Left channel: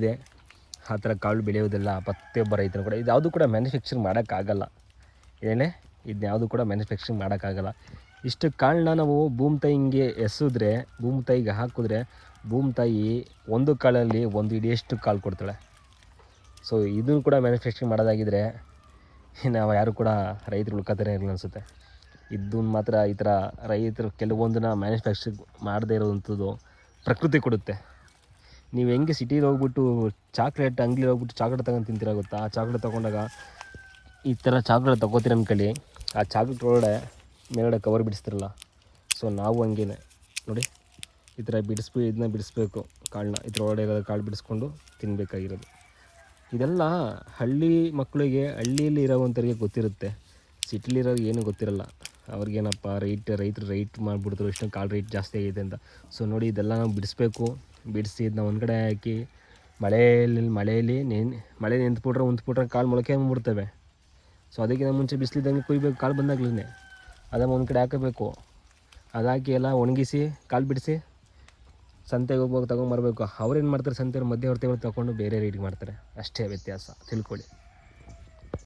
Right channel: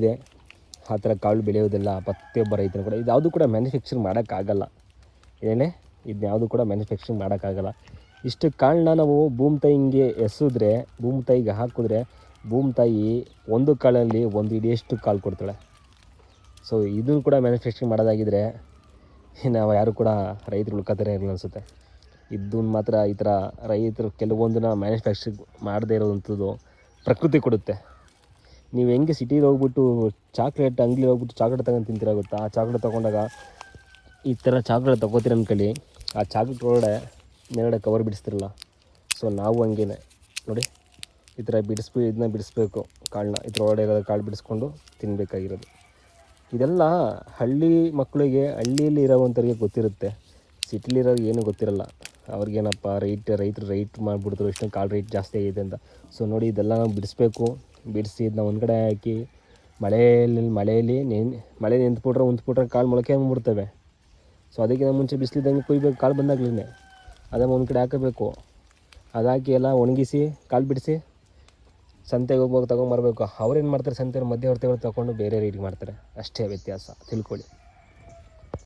ಇದೆ. ಆ ಥರ ಕಾಳು ಬೆಳೆಯೋದಿಲ್ಲ ಪ್ರತಿಯೊಬ್ಬ ರೈತರು ಕೂಡ ಇದು ಯಾವುದು ಕೂಡ ಮ್ಯಾನುಫ್ಯಾಕ್ಚರ್ ಮಾಡೋಕ್ಕಾಗಲ್ಲ. ಏನೇ? ಇದ್ಯಾವುದು ಕೂಡ ಮ್ಯಾನುಫ್ಯಾಕ್ಚರಿಂಗ್ ಮಾಡೋಕ್ಕಾಗಲ್ಲ. ಇಷ್ಟು ಕಾಳನ್ನ ನಾವು ಭೂಮಿ ತಾಯಿಗೆ ಎಸೆದ್ರೆ, ಭೂಮಿ ತಾಯಿಗೆ ಹಾಕಿದ್ರೆ, ಭೂಮಿ ತಾಯಿ ಒಂದು ಕಾಳಲ್ಲಿ ಒಂದು ಇಡಿಯಷ್ಟು ಕಾಳು ಕೊಡ್ತಾಳೆ. ಸೊ ಇದು ಕೂಡ ಮ್ಯಾನುಫ್ಯಾಕ್ಚರಿಂಗ್ ಮಾಡೋದಾಗಿದ್ರೆ ನಾವು ಯಾರು ಕೂಡ ರೈತರು ಉಳ್ಕೋತಾರೆ ಇರಲ್ಲ ಅನಿಸುತ್ತೆ. ಇದನ್ನ ಮಾತ್ರ ಈ ಥರ ರೈತರು ಕೆಲವೊಂದನ್ನ ಮ್ಯಾನುಫ್ಯಾಕ್ಚರಿಂಗ್ ಮಾಡದೇ ಇರೋವಂಥದ್ದು ಪ್ರಕೃತಿ ಕೊಡುತ್ತೆ. ನೀವು ಹೆಂಗೆ ಸಿಟಿಲಿ ಹೋಗ್ಬಿಟ್ಟು ಚಾಕ್ಲೇಟ್ ಅಂಗಡಿ ಹೋಗ್ಬಿಟ್ಟು ಚಾಕ್ಲೇಟ್ ತಗೊಂಡು ತಿಂತೀರ ಗೊತ್ತಾ? ಆ ಚಾಕ್ಲೇಟ್ ತೊಗೊಂಡಾಗ ಈ ಥರ ಚಾಕ್ಲೇಟ್ ನಮ್ಮ ಅಂದ್ಕೊಳ್ಳಿ ಆ ಚಾಕ್ಲೇಟ್ ಒಳಗಡೆ ಮೇಲ್ಗಡೆ ಕವರ್ ಬಿಡಿಸ್ತಿರಲ್ಲ ಸೊ ನಾವು ಹಂಗೇನೆ. ನೋಡಿ, ಈ ಥರ ಬಿಡಿಸ್ಬಿ, ಇದನ್ನ ಬಿಡಿಸ್ಬೇಕು, ಕಾಳನ್ನ. ಇದ್ರ ಒಳಗಡೆ ಕಾಳು ಬಿಡಿಸ್ಕೊಂಡು ತಿನ್ನಬೇಕಾಗಿರೋದು ಇದೆಲ್ಲ ಹಳ್ಳಿ ಮಕ್ಕಳಿಗೆ ಹಳ್ಳಿಯಲ್ಲಿ ಇರೋವಂಥವ್ರಿಗೆ ಗೊತ್ತಿರುತ್ತೆ. ಸಿಟಿಲಿರೋ ಏನೂ ಗೊತ್ತಿರಲ್ಲ. ಅವ್ರಿಗೇನಪ್ಪ, ರೈಟ್ ರೈತರು ರೈಟ್ ಮಾಡಿಬಿಡ್ತಾರೆ ಇಷ್ಟೊಂದು ಕಾಳು ರೇಟ್ ಜಾಸ್ತಿ ಆಗಿದೆ ಅಂತ. ಸೊ ನೋಡಿ, ಇದೆಲ್ಲ ನಾವು ಬಿಡಿಸ್ಬೇಕು. ಬಿಡಿಸಿ ಇದನ್ನ ಒಂದು ಕಡೆ ಹಾಕಿ ಮಳೆಯಲ್ಲಿ ಮಳೆಯಲ್ಲಿ ನೆನ್, ಮಳೆ ನಿಂತ್ಬಿಟ್ರೆ ಉಂತ್ಬಿಟ್ರೆ ಕಾಳು ಮೊಳಕೆ ಬಿಡ್ತವೆ. ಸೊ ಅದಕ್ಕಿಂತ ಮುಂಚೆ ಬಿಸಿಲಿದ್ದಂಗೆ ಕುಯ್ಬೇಕು ಕಾಳು ಬಂದಾಗ್ಲೇ. ಅದನ್ನು ಒಂದು ಕಡೆ ಹಾಕಬೇಕು. ಅದಾಕಿ ಎಲ್ಲ ಒಣಗಿಸಿ, ಕಾಲು ಬಿಡಿಸಿ ಸಂತೆಗೆ ಹೋಗುವಾಗ ತೊಗೊಂಬರ್ಬೇಕು. ಅವ್ರೇನು ಮಾಡ್ತಾರೆ, ಸಂತೆಯವ್ರು ಮಧ್ಯವರ್ತಿಗಳು ತೊಗೊಂಡು ಬೇರೆ ರೀಡಿಗೆ ಮಾಡ್ತಾರೆ. ಅಷ್ಟೇ ವ್ಯತ್ಯಾಸ, ತಿಳ್ಕೊಳ್ಳಿ.